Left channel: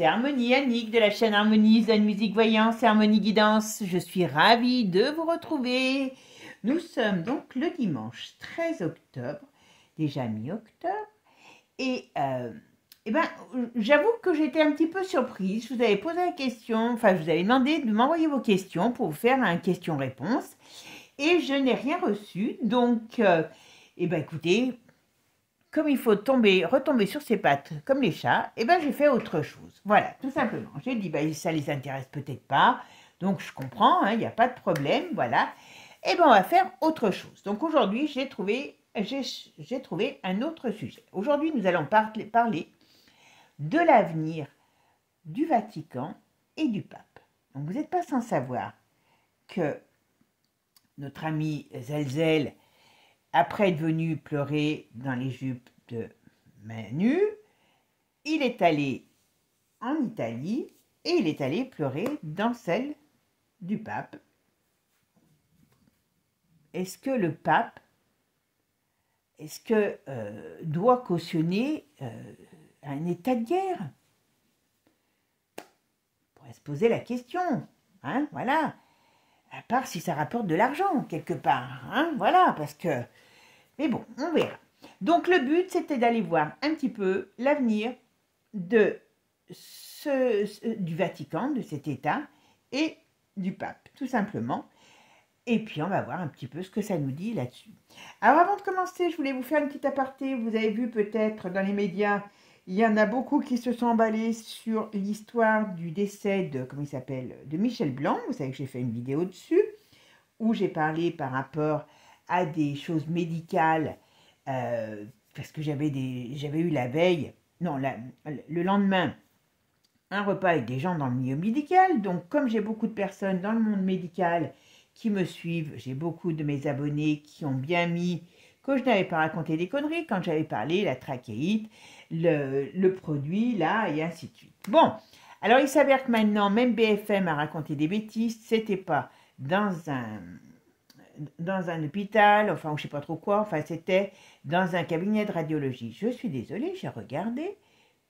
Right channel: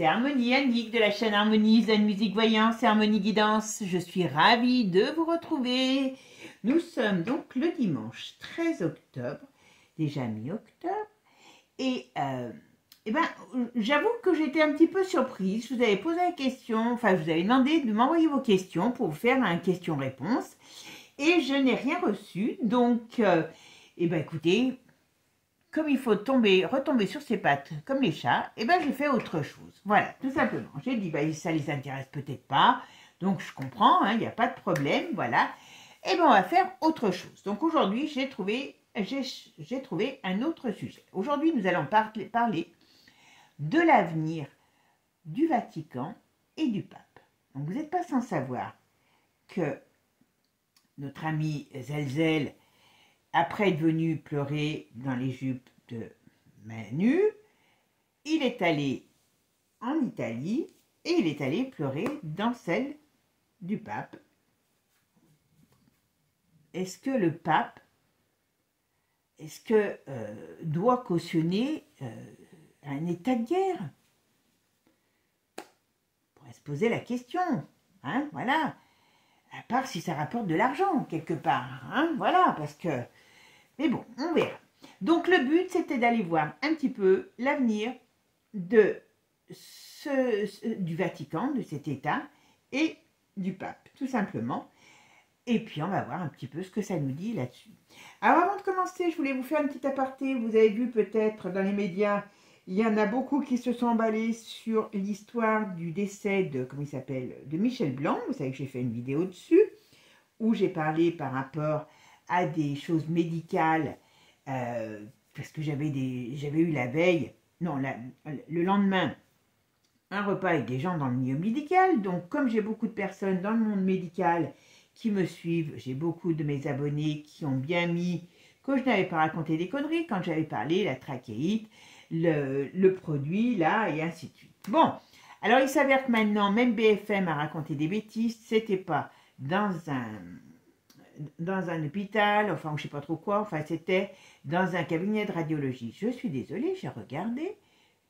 c'est Harmonie Annick de la chaîne Harmonie Zen Musique Voyance et Harmonie Guidance. Je suis ravie de vous retrouver. Nous sommes donc le dimanche 13 octobre, déjà mi-octobre. Et j'avoue que j'étais un petit peu surprise. Je vous avais posé la question, enfin je vous avais demandé de m'envoyer vos questions pour vous faire un question-réponse. Et je n'ai rien reçu. Donc, écoutez, comme il faut retomber sur ses pattes comme les chats, j'ai fait autre chose. Voilà, tout simplement. J'ai dit, ça les intéresse peut-être pas, donc je comprends, il n'y a pas de problème, voilà. On va faire autre chose. Donc aujourd'hui, j'ai trouvé un autre sujet. Aujourd'hui, nous allons parler de l'avenir du Vatican et du pape. Donc vous n'êtes pas sans savoir que notre ami Zelzel, après être venu pleurer dans les jupes de Manu, il est allé en Italie et il est allé pleurer dans celle du pape. Est-ce que le pape, doit cautionner un état de guerre? On pourrait se poser la question, voilà. À part si ça rapporte de l'argent quelque part, voilà, parce que... Mais bon, on verra. Donc le but, c'était d'aller voir un petit peu l'avenir du Vatican, de cet État, et du pape, tout simplement. Et puis on va voir un petit peu ce que ça nous dit là-dessus. Alors avant de commencer, je voulais vous faire un petit aparté. Vous avez vu peut-être dans les médias, il y en a beaucoup qui se sont emballés sur l'histoire du décès de, de Michel Blanc. Vous savez que j'ai fait une vidéo dessus, où j'ai parlé par rapport à des choses médicales, parce que j'avais eu la veille, le lendemain, un repas avec des gens dans le milieu médical. Donc comme j'ai beaucoup de personnes dans le monde médical qui me suivent, j'ai beaucoup de mes abonnés qui ont bien mis que je n'avais pas raconté des conneries quand j'avais parlé, la trachéite, le produit, là, et ainsi de suite. Bon, alors il s'avère que maintenant, même BFM a raconté des bêtises, c'était pas dans un hôpital, enfin, je sais pas trop quoi, enfin, c'était dans un cabinet de radiologie. Je suis désolée, j'ai regardé,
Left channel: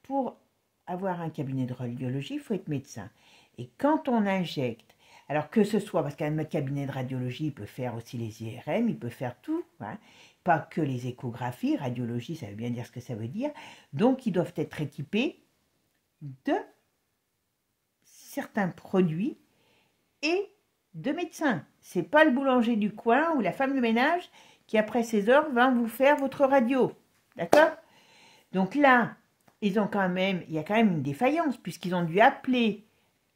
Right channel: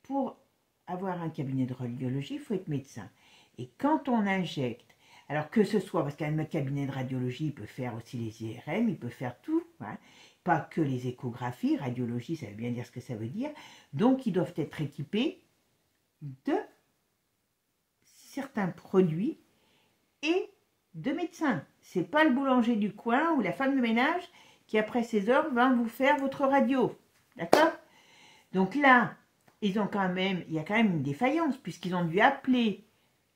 pour avoir un cabinet de radiologie, il faut être médecin. Et quand on injecte, alors que ce soit, parce qu'un cabinet de radiologie, il peut faire aussi les IRM, il peut faire tout, pas que les échographies, radiologie, ça veut bien dire ce que ça veut dire, donc ils doivent être équipés de certains produits et de médecins. C'est pas le boulanger du coin ou la femme de ménage qui, après 16 heures, va vous faire votre radio. D'accord? Donc là, il y a quand même une défaillance, puisqu'ils ont dû appeler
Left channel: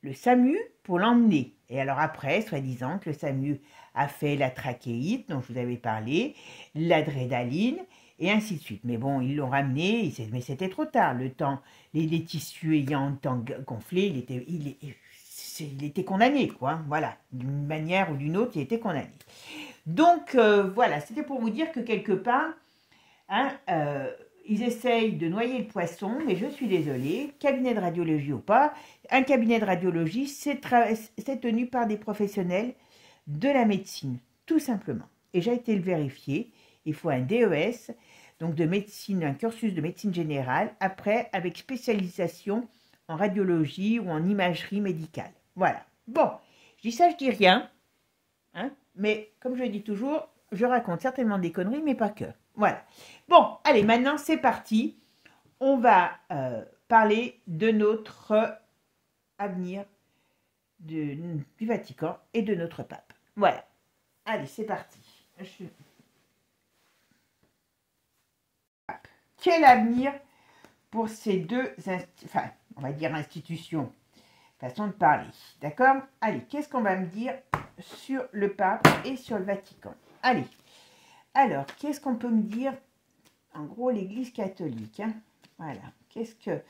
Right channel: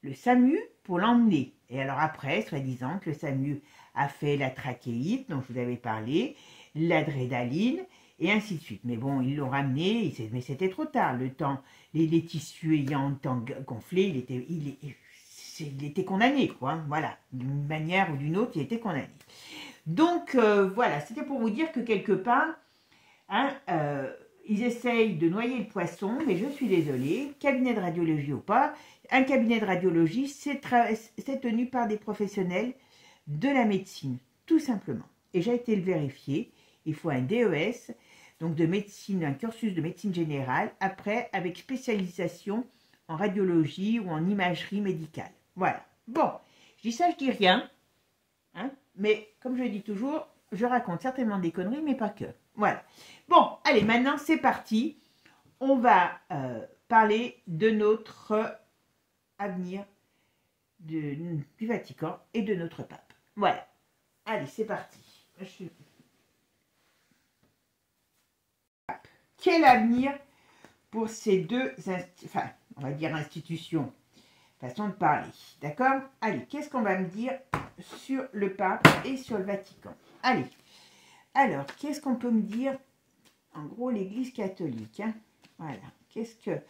le SAMU pour l'emmener. Et alors après, soi-disant que le SAMU a fait la trachéite, dont je vous avais parlé, l'adrénaline, et ainsi de suite. Mais bon, ils l'ont ramené, mais c'était trop tard. Le temps, les tissus ayant gonflé, il était condamné, quoi. Voilà, d'une manière ou d'une autre, il était condamné. Donc, voilà, c'était pour vous dire que quelque part, ils essayent de noyer le poisson, mais je suis désolée, cabinet de radiologie ou pas, un cabinet de radiologie, c'est tenu par des professionnels de la médecine, tout simplement. Et j'ai été le vérifier, il faut un DES, donc de médecine, un cursus de médecine générale, après avec spécialisation en radiologie ou en imagerie médicale. Voilà. Bon, je dis ça, je dis rien, mais comme je le dis toujours, je raconte certainement des conneries, mais pas que. Voilà. Bon, allez, maintenant c'est parti. On va parler de notre avenir du Vatican et de notre pape. Voilà. Allez, c'est parti. Quel avenir pour ces deux, on va dire institutions, façon de parler, d'accord? Allez, qu'est-ce qu'on va me dire sur le pape et sur le Vatican? Allez, alors, qu'est-ce qu'on peut me dire? En gros, l'Église catholique, voilà, qu'est-ce que...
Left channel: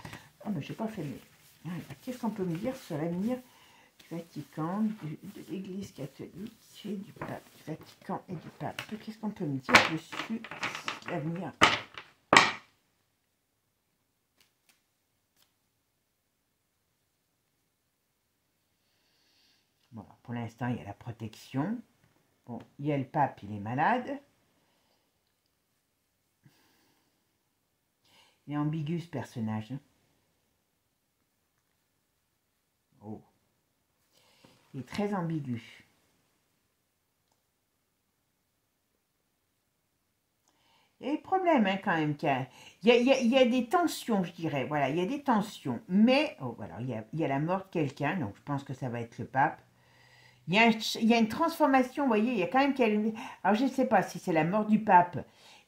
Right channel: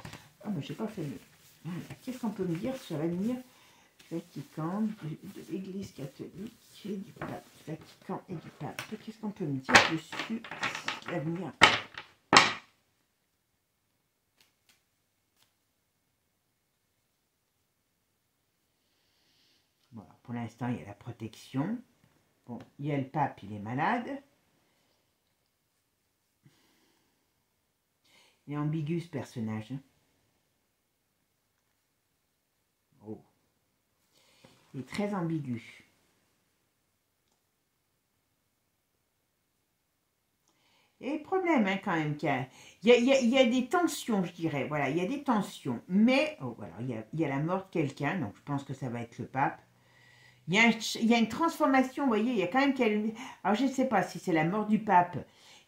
Oh, mais j'ai pas fait mieux. Voilà. Qu'est-ce qu'on peut me dire sur l'avenir du Vatican, de l'Église catholique et du pape, du Vatican et du pape? Qu'est-ce qu'on peut me dire dessus, l'avenir? Bon, pour l'instant, il y a la protection. Bon, il y a le pape, il est malade. Il est ambigu, ce personnage. Il est très ambigu. Il y a des problèmes hein, quand même. Il y a des tensions, je dirais. Voilà, il y a des tensions. Mais, oh, voilà, il y a la mort de quelqu'un. Donc, je pense que ça va être le pape. Il y a une transformation, vous voyez. Il y a quand même... Alors, je ne sais pas si c'est la mort du pape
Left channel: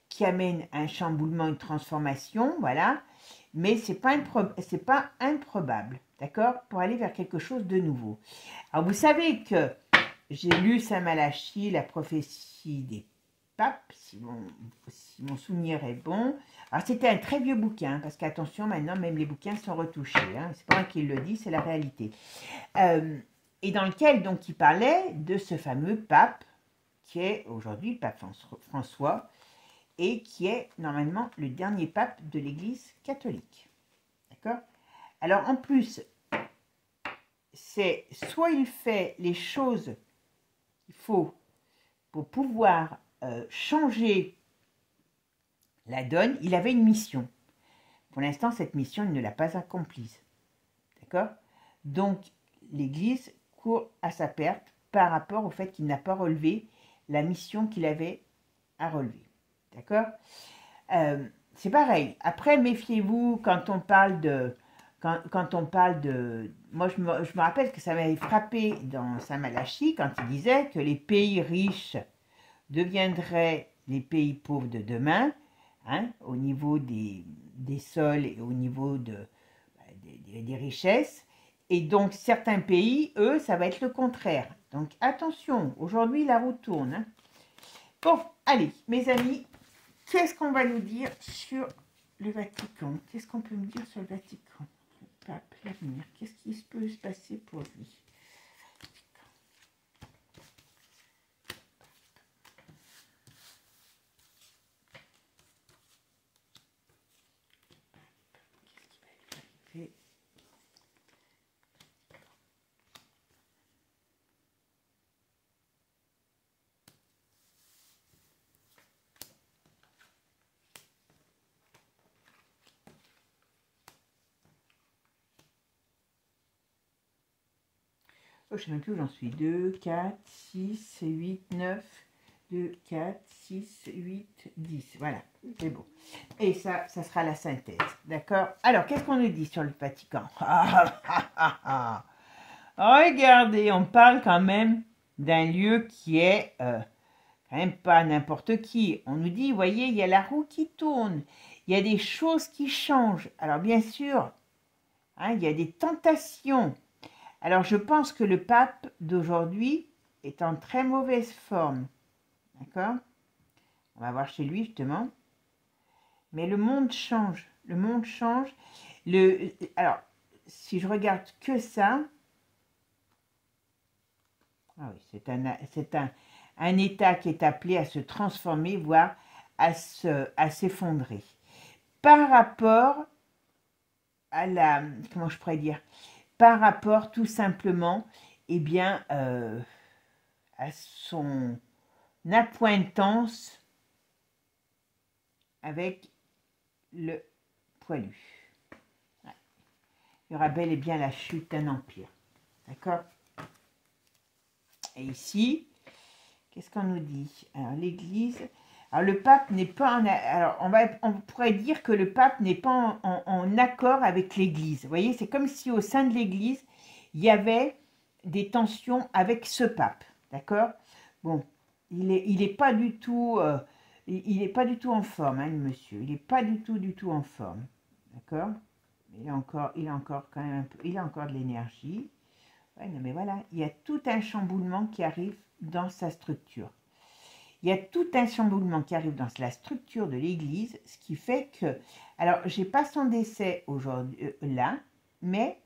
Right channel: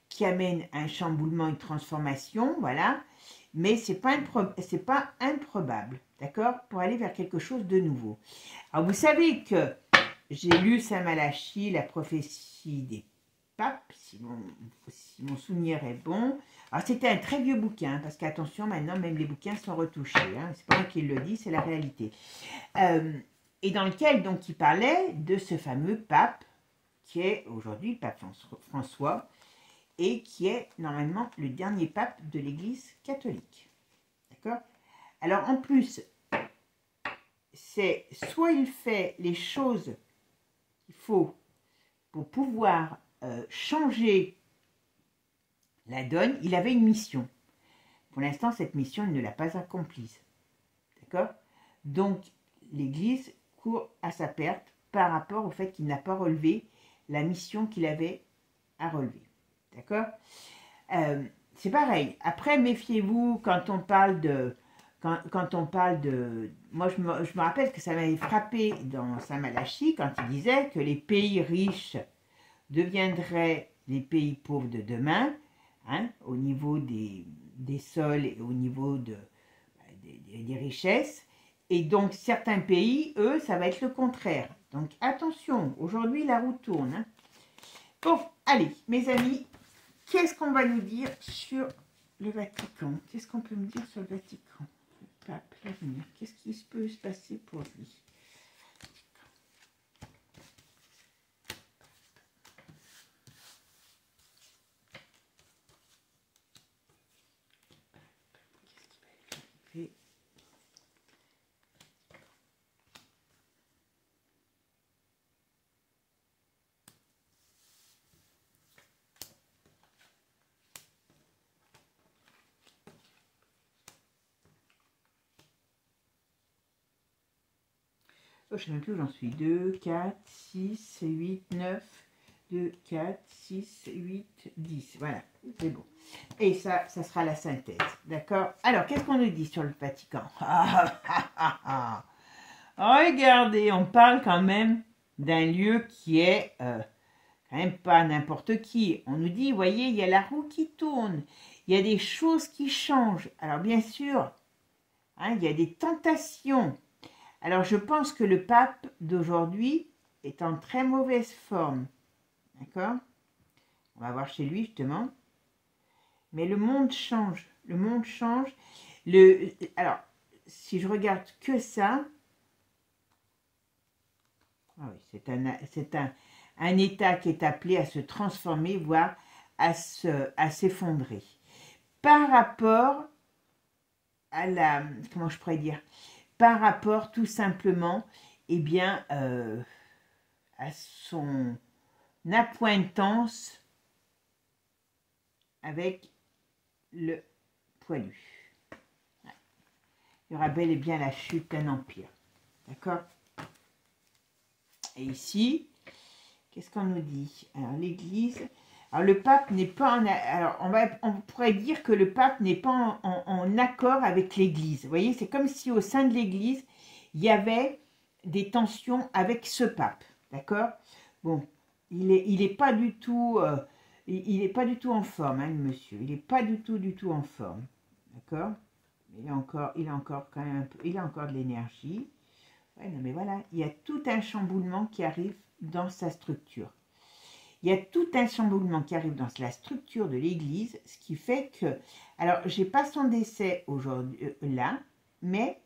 qui amène un chamboulement, une transformation. Voilà. Mais ce n'est pas improbable. D'accord? Pour aller vers quelque chose de nouveau. Alors, vous savez que j'ai lu Saint Malachie, la prophétie des papes, si mon souvenir est bon. Alors, c'était un très vieux bouquin, parce qu'attention, maintenant, même les bouquins sont retouchés. Hein. C'est pas moi qui le dis, c'est la réalité. Et dans lequel, donc, il parlait de ce fameux pape, qui est aujourd'hui le pape François, et qui est normalement le dernier pape de l'Église catholique. D'accord? Alors, en plus, c'est soit il fait les choses qu'il faut pour pouvoir changer la donne. Il avait une mission. Pour l'instant, cette mission, il ne l'a pas accomplie. D'accord? Donc, l'Église court à sa perte par rapport au fait qu'il n'a pas relevé la mission qu'il avait à relever. D'accord? C'est pareil. Après, méfiez-vous quand on parle de... Quand on parle de... Moi, je me rappelle que ça m'avait frappé dans Saint Malachie quand il disait que les pays riches deviendraient les pays pauvres de demain, hein, au niveau des sols et au niveau des richesses. Et donc, certains pays, eux, ça va être le contraire. Donc, attention, aujourd'hui, la roue tourne. Hein. Bon, allez, mes amis, qu'est-ce qu'on va nous dire sur le Vatican? Qu'est-ce qu'on peut nous dire sur le Vatican? Le pape, l'avenir. Qu'est-ce qui peut se passer pour lui? Oh, je sais même plus où j'en suis. 2, 4, 6, 8, 9, 2, 4, 6, 8, 10. Voilà, c'est bon. Et ça sera la synthèse. D'accord? Alors, qu'est-ce qu'on nous dit sur le Vatican? Regardez, on parle quand même d'un lieu qui est quand même pas n'importe qui. On nous dit, vous voyez, il y a la roue qui tourne. Il y a des choses qui changent. Alors, bien sûr, hein, il y a des tentations. Alors, je pense que le pape d'aujourd'hui est en très mauvaise forme. D'accord? On va voir chez lui, justement. Mais le monde change. Le monde change. Alors, si je regarde que ça... Ah oui, c'est un état qui est appelé à se transformer, voire à s'effondrer. Par rapport à la... Comment je pourrais dire? Par rapport tout simplement, eh bien, à son appointance avec le poilu. Ouais. Il y aura bel et bien la chute d'un empire. D'accord? Et ici, qu'est-ce qu'on nous dit? Alors, l'Église... Alors, le pape n'est pas en... Alors, on pourrait dire que le pape n'est pas en accord avec l'Église. Vous voyez, c'est comme si au sein de l'Église, il y avait des tensions avec ce pape. D'accord? Bon, il est pas du tout... il n'est pas du tout en forme, hein, le monsieur. Il n'est pas du tout en forme. D'accord? Il a encore quand même il a encore de l'énergie. Ouais, non, mais voilà, il y a tout un chamboulement qui arrive dans sa structure. Il y a tout un chamboulement qui arrive dans la structure de l'Église, ce qui fait que... Alors, je n'ai pas son décès aujourd'hui là, mais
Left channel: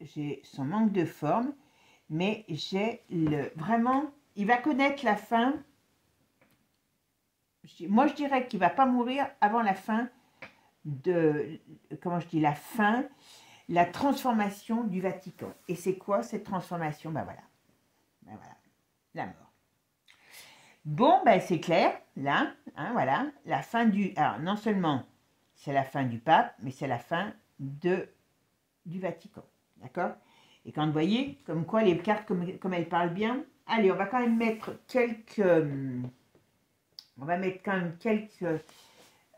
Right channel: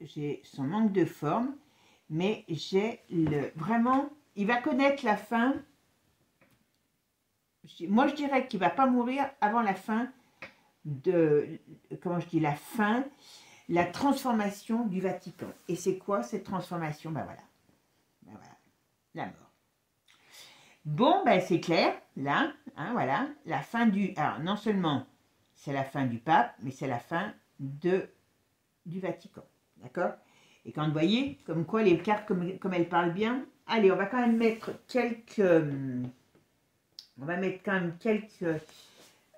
j'ai son manque de forme, mais j'ai vraiment... Il va connaître la fin. Moi, je dirais qu'il ne va pas mourir avant la fin de... Comment je dis? La fin, la transformation du Vatican. Et c'est quoi cette transformation? Ben voilà. Ben voilà. La mort. Bon, ben c'est clair, là, hein, voilà, la fin du... Alors, non seulement c'est la fin du pape, mais c'est la fin du Vatican, d'accord? Et quand vous voyez, comme quoi les cartes, comme elles parlent bien. Allez, on va quand même mettre quelques... on va mettre quand même quelques...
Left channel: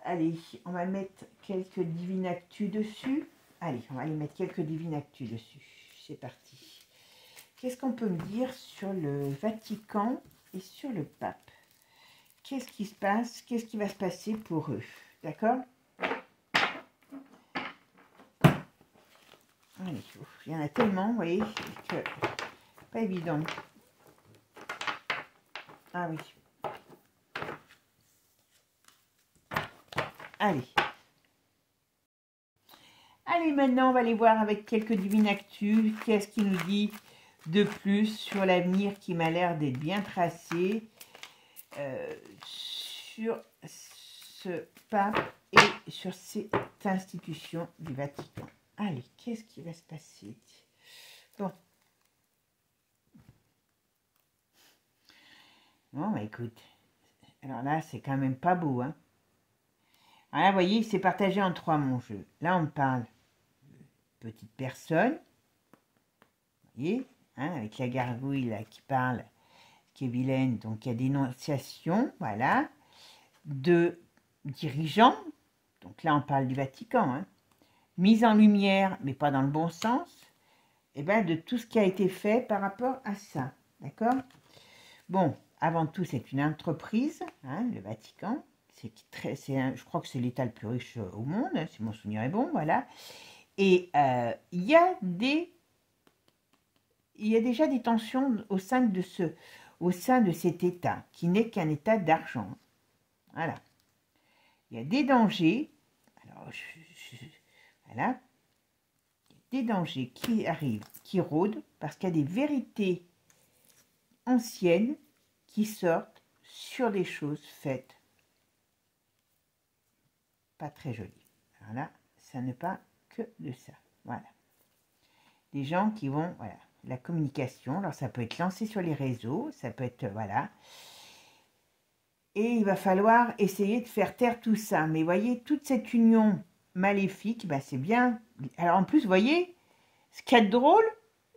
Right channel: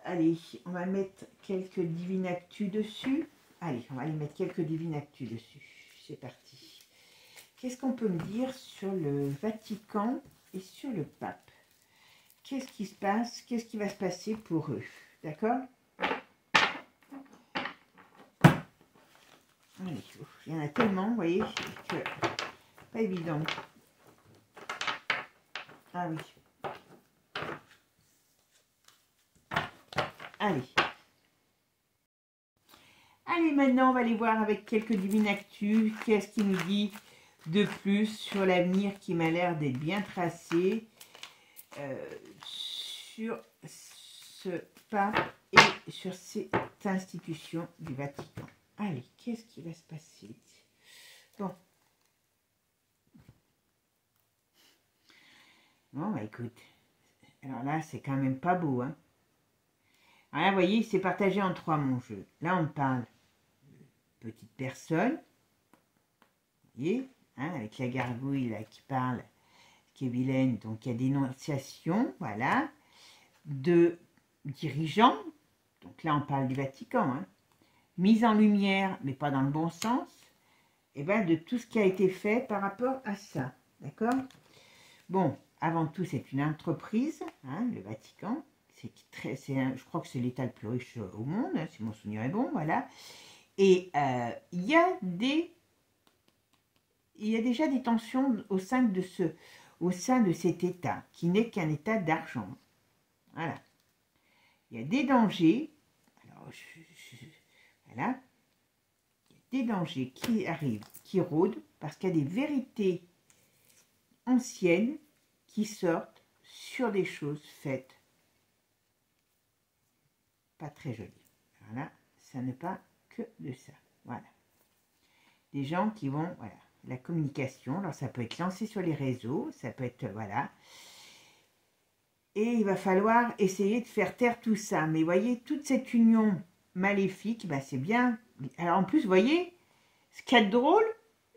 Allez, on va mettre quelques divines actus dessus. Allez, on va aller mettre quelques divines actus dessus. C'est parti. Qu'est-ce qu'on peut me dire sur le Vatican et sur le pape? Qu'est-ce qui se passe? Qu'est-ce qui va se passer pour eux? D'accord? Allez, il y en a tellement, vous voyez, que pas évident. Ah oui. Allez. Allez, maintenant, on va aller voir avec quelques divines actus. Qu'est-ce qui nous dit de plus sur l'avenir qui m'a l'air d'être bien tracé sur ce pape et sur cette institution du Vatican. Allez, qu'est-ce qui va se passer? Bon. Bon, écoute. Alors là, c'est quand même pas beau, hein. Alors là, vous voyez, c'est partagé en trois, mon jeu. Là, on parle de petite personne. Vous voyez, hein, avec la gargouille là, qui parle, qui est vilaine. Donc, il y a dénonciation, voilà. De dirigeants. Donc là, on parle du Vatican, hein. Mise en lumière, mais pas dans le bon sens, et bien de tout ce qui a été fait par rapport à ça, d'accord? Bon, avant tout, c'est une entreprise, hein, le Vatican, je crois que c'est l'État le plus riche au monde, hein, si mon souvenir est bon, voilà. Et il y a déjà des tensions au sein de cet État, qui n'est qu'un État d'argent, voilà. Il y a des dangers, alors voilà, des dangers qui arrivent, qui rôdent, parce qu'il y a des vérités anciennes qui sortent sur des choses faites pas très jolies. Voilà, ça ne parle que de ça. Voilà. Des gens qui vont, voilà, la communication, alors ça peut être lancé sur les réseaux, ça peut être, voilà. Et il va falloir essayer de faire taire tout ça. Mais voyez, toute cette union maléfique, ben c'est bien. Alors en plus, vous voyez, ce qui est drôle,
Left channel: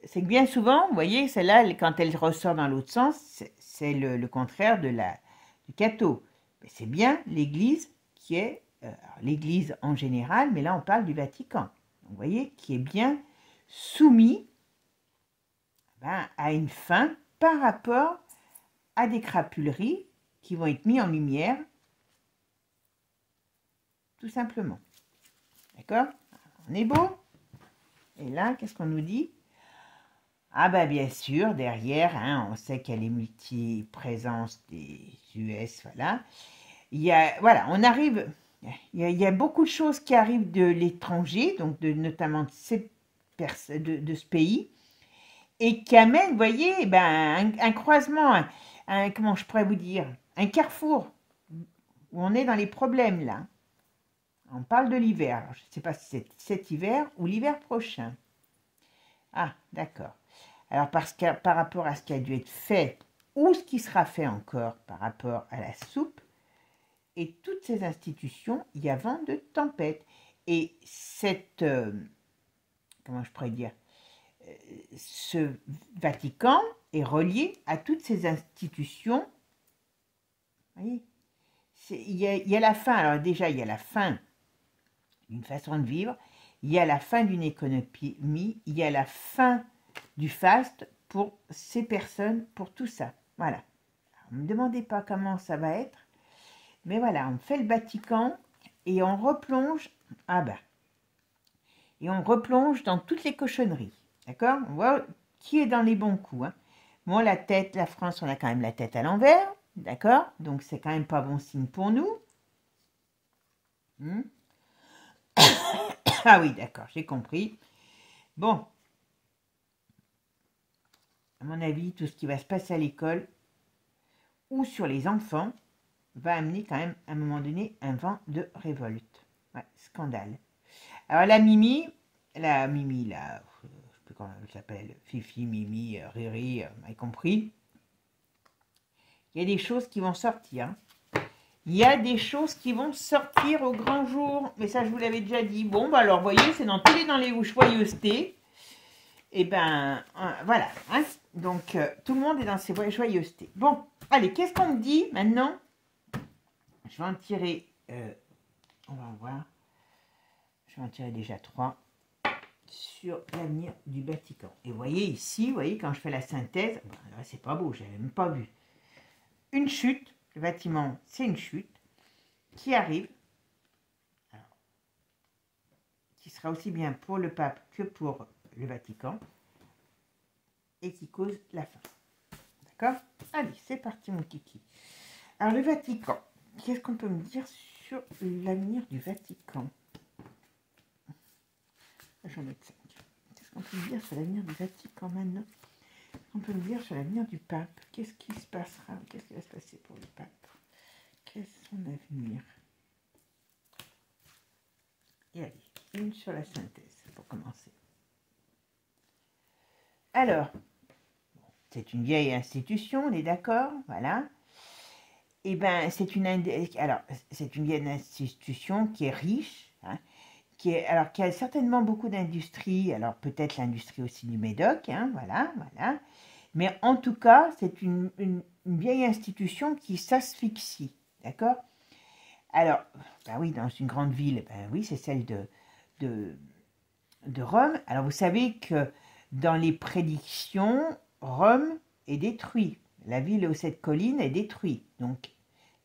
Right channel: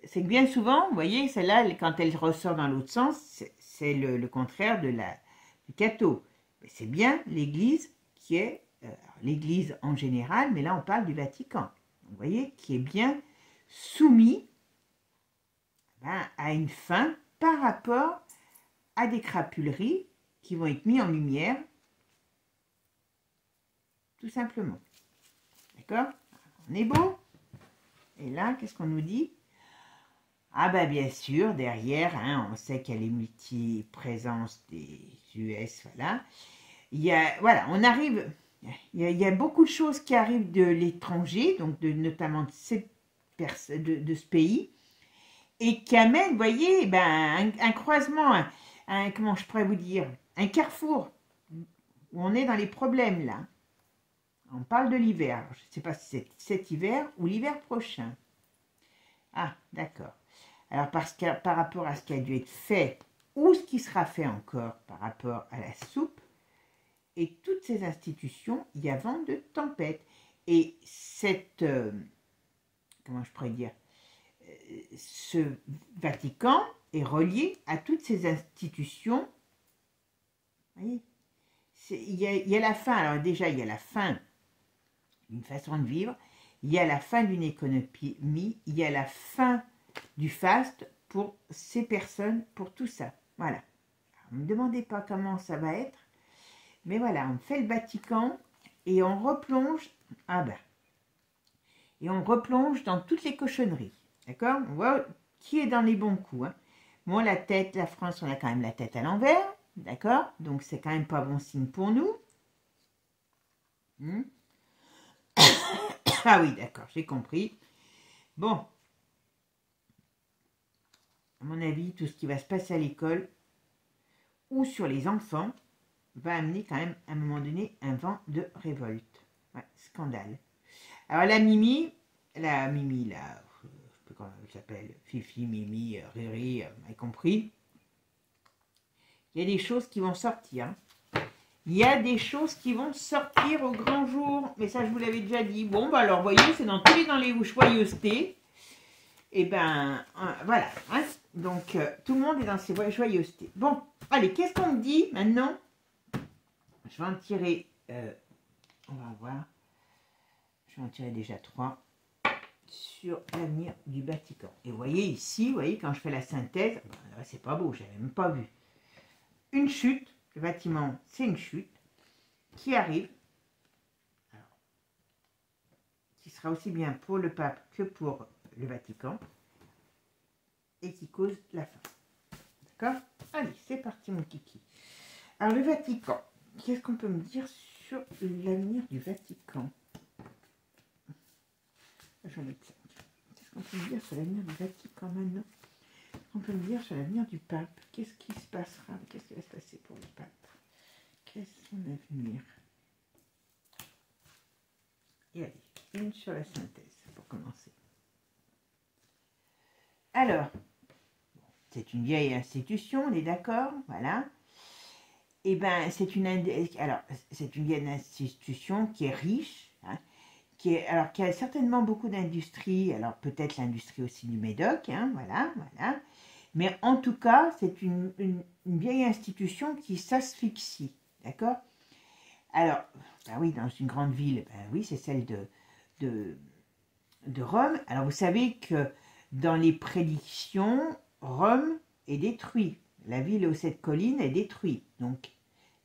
c'est que bien souvent, vous voyez, celle-là, quand elle ressort dans l'autre sens, c'est le contraire de du catho. Mais c'est bien l'Église qui est, l'Église en général, mais là on parle du Vatican. Vous voyez, qui est bien soumis à une fin par rapport à des crapuleries qui vont être mis en lumière, tout simplement. D'accord? On est beau? Et là, qu'est-ce qu'on nous dit? Ah ben bien sûr, derrière, hein, on sait qu'il y a les multi-présences des US, voilà. Voilà, on arrive, il y a beaucoup de choses qui arrivent de l'étranger, donc notamment de ce pays, et qui amènent, vous voyez, ben, un croisement, comment je pourrais vous dire, un carrefour, où on est dans les problèmes, là. On parle de l'hiver. Je ne sais pas si c'est cet hiver ou l'hiver prochain. Ah, d'accord. Alors, parce que par rapport à ce qui a dû être fait, ou ce qui sera fait encore par rapport à la soupe, et toutes ces institutions, il y a vent de tempête. Et cette, comment je pourrais dire, ce Vatican est relié à toutes ces institutions. Vous voyez, il y a la fin. Alors déjà, il y a la fin d'une façon de vivre, il y a la fin d'une économie, il y a la fin du faste pour ces personnes, pour tout ça. Voilà. Ne me demandez pas comment ça va être, mais voilà, on fait le Vatican et on replonge, et on replonge dans toutes les cochonneries. D'accord? On voit qui est dans les bons coups. Hein. Bon, la tête, la France, on a quand même la tête à l'envers. D'accord? Donc, c'est quand même pas bon signe pour nous. Ah oui, d'accord, j'ai compris. Bon. À mon avis, tout ce qui va se passer à l'école ou sur les enfants va amener quand même, à un moment donné, un vent de révolte. Ouais, scandale. Alors, la Mimi, là, je ne sais plus comment elle s'appelle, Fifi, Mimi, Riri, vous m'avez compris. Il y a des choses qui vont sortir. Hein. Il y a des choses qui vont sortir au grand jour. Mais ça, je vous l'avais déjà dit. Bon, bah alors, vous voyez, c'est dans tous les joyeusetés. Et ben, voilà. Hein. Donc, tout le monde est dans ses joyeusetés. Bon, allez, qu'est-ce qu'on me dit maintenant? Je vais en tirer, on va voir. Je vais en tirer déjà 3 sur l'avenir du Vatican. Et vous voyez ici, vous voyez, quand je fais la synthèse, c'est pas beau, je n'avais même pas vu. Une chute, le bâtiment, c'est une chute qui arrive, alors, qui sera aussi bien pour le pape que pour le Vatican, et qui cause la fin. D'accord? Allez, c'est parti mon kiki. Alors le Vatican, qu'est-ce qu'on peut me dire sur l'avenir du Vatican? Je vais mettre ça. Qu'est-ce qu'on peut me dire sur l'avenir du Vatican maintenant? On peut me dire sur l'avenir du pape. Qu'est-ce qui se passera? Qu'est-ce qui va se passer pour le pape? Quel est son avenir? Et allez, une sur la synthèse pour commencer. Alors, c'est une vieille institution, on est d'accord, voilà. Et bien, c'est une vieille institution qui est riche, hein, qui a certainement beaucoup d'industries, alors peut-être l'industrie aussi du Médoc, hein, voilà. Mais en tout cas, c'est une vieille institution qui s'asphyxie, d'accord? Alors, ben oui, dans une grande ville, ben oui, c'est celle de Rome. Alors, vous savez que dans les prédictions, Rome est détruite. La ville aux 7 collines est détruite. Donc,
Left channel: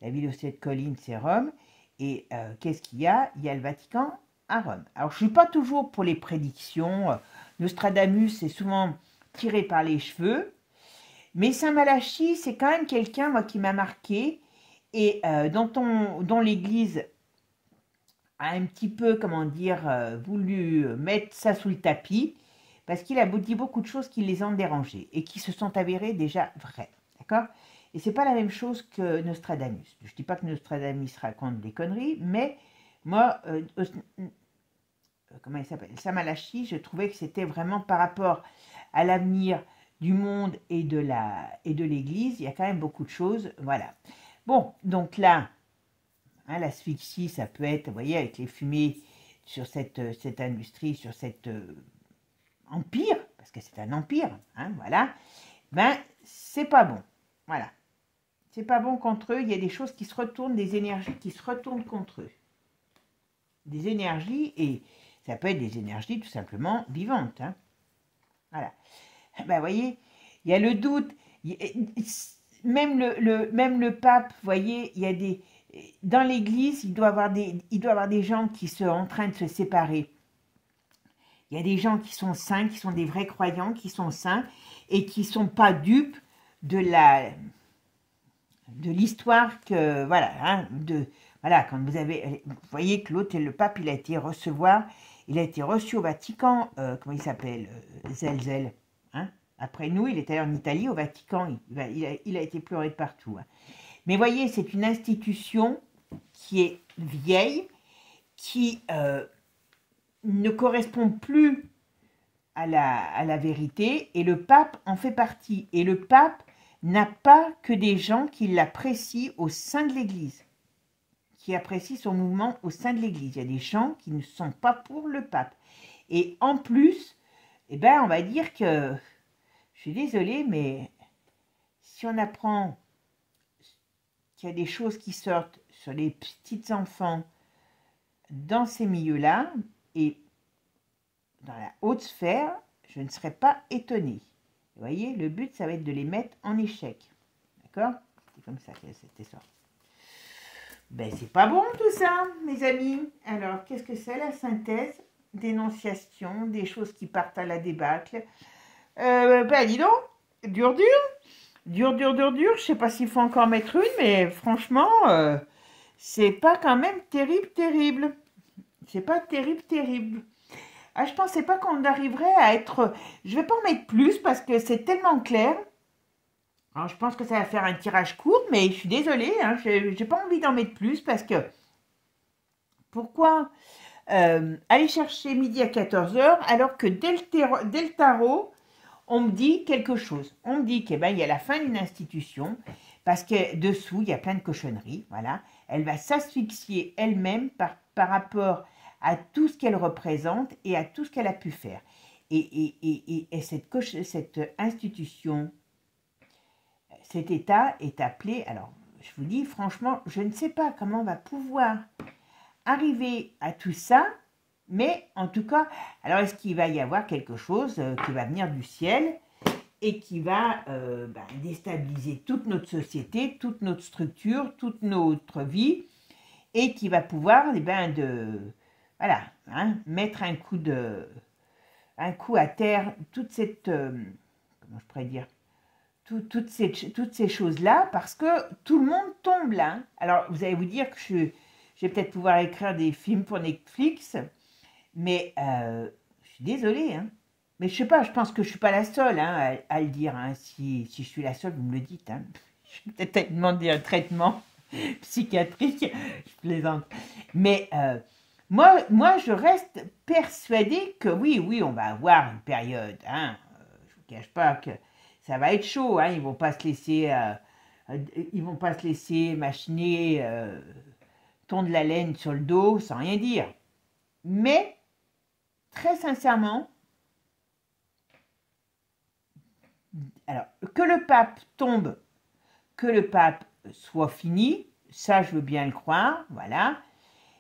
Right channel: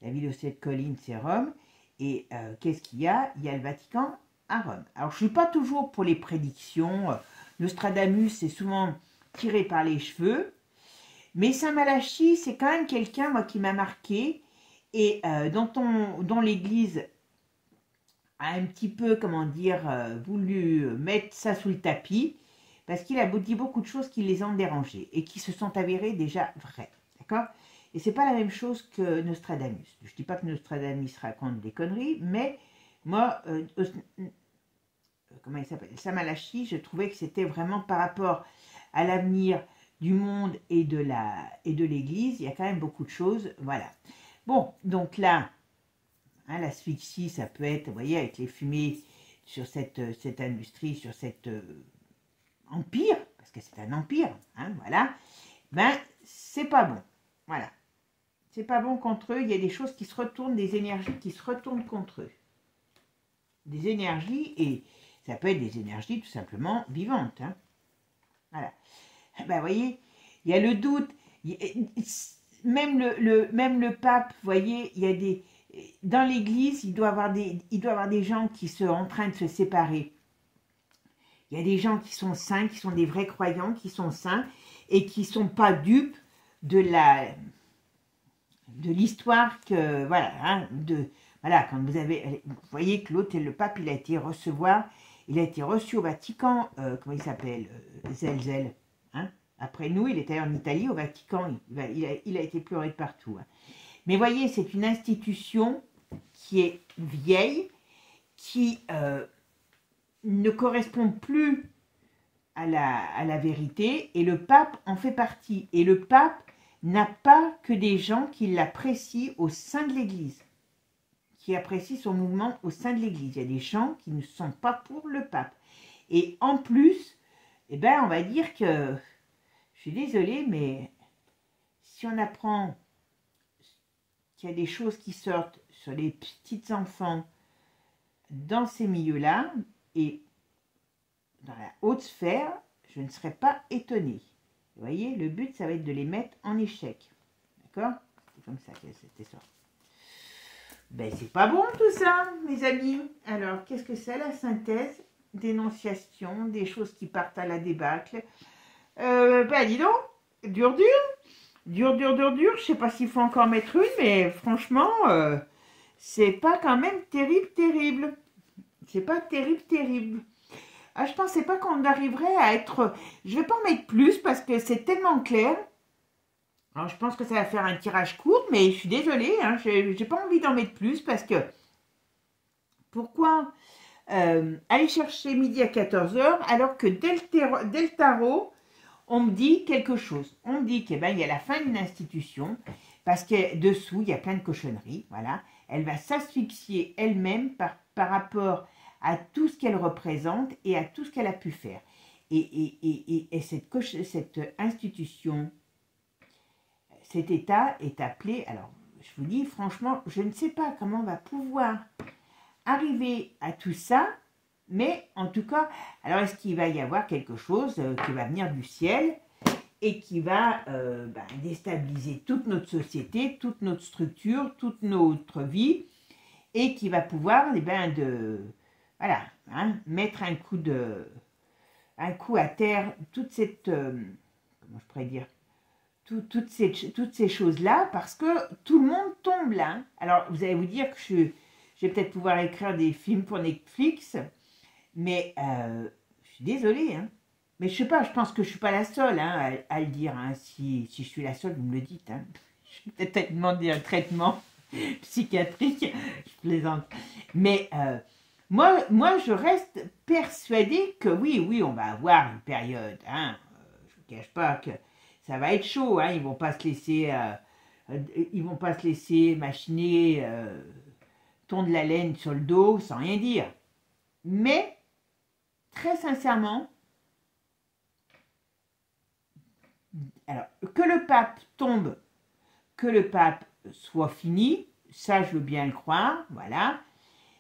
la ville aux 7 collines, c'est Rome. Et qu'est-ce qu'il y a? Il y a le Vatican à Rome. Alors, je ne suis pas toujours pour les prédictions. Nostradamus est souvent tiré par les cheveux. Mais Saint Malachie, c'est quand même quelqu'un, moi, qui m'a marqué. Et dont l'Église a un petit peu, comment dire, voulu mettre ça sous le tapis. Parce qu'il a dit beaucoup de choses qui les ont dérangés. Et qui se sont avérées déjà vraies. D'accord? Et c'est pas la même chose que Nostradamus. Je ne dis pas que Nostradamus raconte des conneries, mais moi, comment il s'appelle, Saint Malachie, je trouvais que c'était vraiment par rapport à l'avenir du monde et de l'Église, il y a quand même beaucoup de choses, voilà. Bon, donc là, hein, l'asphyxie, ça peut être, vous voyez, avec les fumées sur cette industrie, sur cet empire, parce que c'est un empire, hein, voilà, ben, c'est pas bon, voilà. C'est pas bon contre eux, il y a des choses qui se retournent, des énergies qui se retournent contre eux. Des énergies, et ça peut être des énergies tout simplement vivantes. Hein. Voilà. Ben, vous voyez, il y a le doute, même le pape, vous voyez, il y a des... Dans l'église, il doit y avoir des gens qui sont en train de se séparer. Il y a des gens qui sont saints, qui sont des vrais croyants, qui sont saints, et qui ne sont pas dupes de l'histoire que, voilà, hein, voilà, quand vous voyez que l'autre, le pape, il a été reçu au Vatican, comment il s'appelle, Zelzel, hein, après nous, il était en Italie, au Vatican, il a été pleuré de partout. Hein. Mais voyez, c'est une institution qui est vieille, qui ne correspond plus à la vérité, et le pape en fait partie. Et le pape n'a pas que des gens qui l'apprécient au sein de l'Église, qui apprécient son mouvement au sein de l'Église. Il y a des gens qui ne sont pas pour le pape. Et en plus, eh ben, on va dire que, je suis désolée, mais si on apprend qu'il y a des choses qui sortent sur les petits enfants dans ces milieux-là, et dans la haute sphère, je ne serais pas étonnée. Vous voyez, le but, ça va être de les mettre en échec. D'accord? C'est comme ça que c'était ça. Ben, c'est pas bon tout ça, mes amis. Alors, qu'est-ce que c'est la synthèse? Dénonciation, des choses qui partent à la débâcle. Ben, dis donc, dur. Je sais pas s'il faut encore mettre une, mais franchement, c'est pas quand même terrible. C'est pas terrible. Ah, je pensais pas qu'on arriverait à être... Je vais pas en mettre plus parce que c'est tellement clair. Alors, je pense que ça va faire un tirage court, mais je suis désolée. Hein, j'ai pas envie d'en mettre plus parce que... Pourquoi aller chercher midi à 14 h alors que dès le tarot, on me dit quelque chose. On me dit qu'il y a la fin d'une institution parce que dessous, il y a plein de cochonneries. Voilà. Elle va s'asphyxier elle-même par rapport à tout ce qu'elle représente et à tout ce qu'elle a pu faire. Et cette institution, cet État est appelé, alors je vous dis franchement, je ne sais pas comment on va pouvoir arriver à tout ça, mais en tout cas, alors est-ce qu'il va y avoir quelque chose qui va venir du ciel et qui va déstabiliser toute notre société, toute notre structure, toute notre vie, et qui va pouvoir voilà, hein, mettre un coup à terre toute cette, comment je pourrais dire, toutes ces choses-là, parce que tout le monde tombe là. Hein. Alors, vous allez vous dire que je vais peut-être pouvoir écrire des films pour Netflix, mais je suis désolée, hein. Mais je sais pas, je pense que je suis pas la seule hein, à le dire. Hein. Si je suis la seule, vous me le dites. Hein. Je vais peut-être demander un traitement psychiatrique, je plaisante. Mais moi, je reste persuadée que oui, on va avoir une période. Hein. Je ne vous cache pas que ça va être chaud. Hein. Ils vont pas se laisser machiner, tondre la laine sur le dos sans rien dire. Mais très sincèrement, alors que le pape tombe, que le pape soit fini, ça je veux bien le croire, voilà.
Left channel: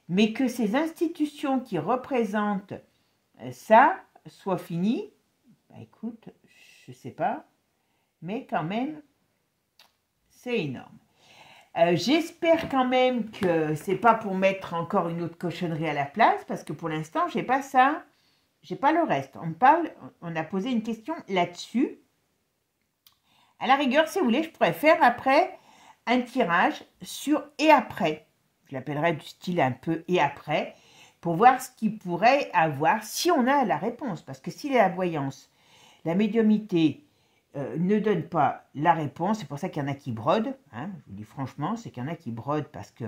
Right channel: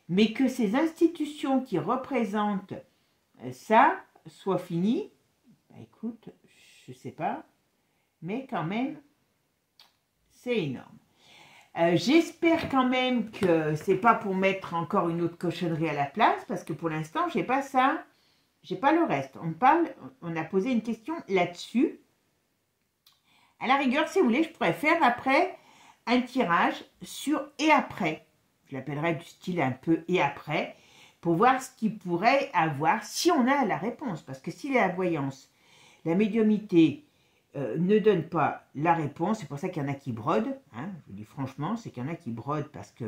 Mais que ces institutions qui représentent ça soient finies, bah écoute, je ne sais pas, mais quand même, c'est énorme. J'espère quand même que c'est pas pour mettre encore une autre cochonnerie à la place, parce que pour l'instant, j'ai pas ça, j'ai pas le reste. On a posé une question là-dessus. À la rigueur, si vous voulez, je pourrais faire après un tirage sur et après. Je l'appellerais du style un peu et après, pour voir ce qu'il pourrait avoir si on a la réponse. Parce que si la voyance, la médiumnité ne donne pas la réponse, c'est pour ça qu'il y en a qui brodent, hein, je vous dis franchement, c'est qu'il y en a qui brodent parce que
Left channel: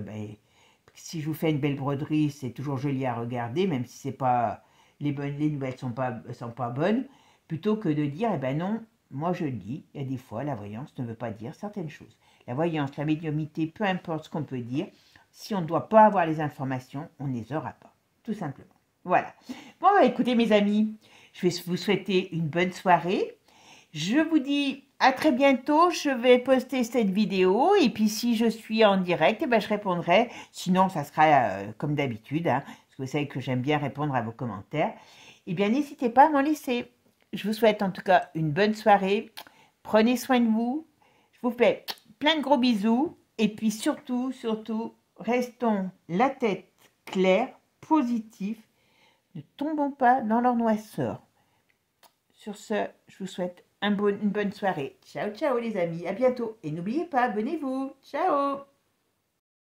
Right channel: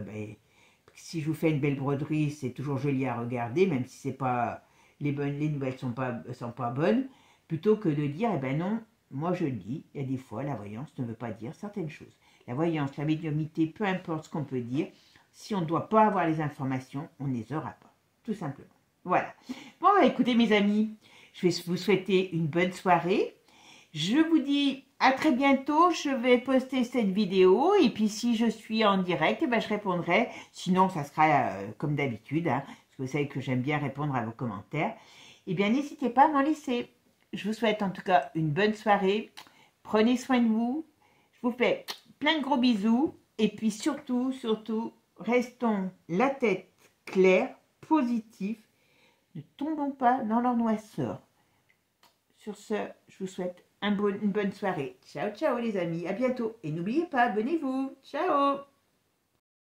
si je vous fais une belle broderie, c'est toujours joli à regarder, même si c'est pas les nouvelles sont pas bonnes, plutôt que de dire, eh ben non, moi je le dis, il y a des fois, la voyance ne veut pas dire certaines choses. La voyance, la médiumnité, peu importe ce qu'on peut dire, si on ne doit pas avoir les informations, on ne les aura pas, tout simplement. Voilà. Bon, écoutez mes amis, je vais vous souhaiter une bonne soirée. Je vous dis à très bientôt, je vais poster cette vidéo et puis si je suis en direct, eh ben, je répondrai. Sinon, ça sera comme d'habitude, hein, parce que vous savez que j'aime bien répondre à vos commentaires. Eh bien, n'hésitez pas à m'en laisser. Je vous souhaite en tout cas une bonne soirée. Prenez soin de vous. Je vous fais plein de gros bisous. Et puis surtout, restons la tête claire, positive. Ne tombons pas dans leur noisseur. Sur ce, je vous souhaite une bonne soirée. Ciao, ciao les amis. À bientôt. Et n'oubliez pas, abonnez-vous. Ciao.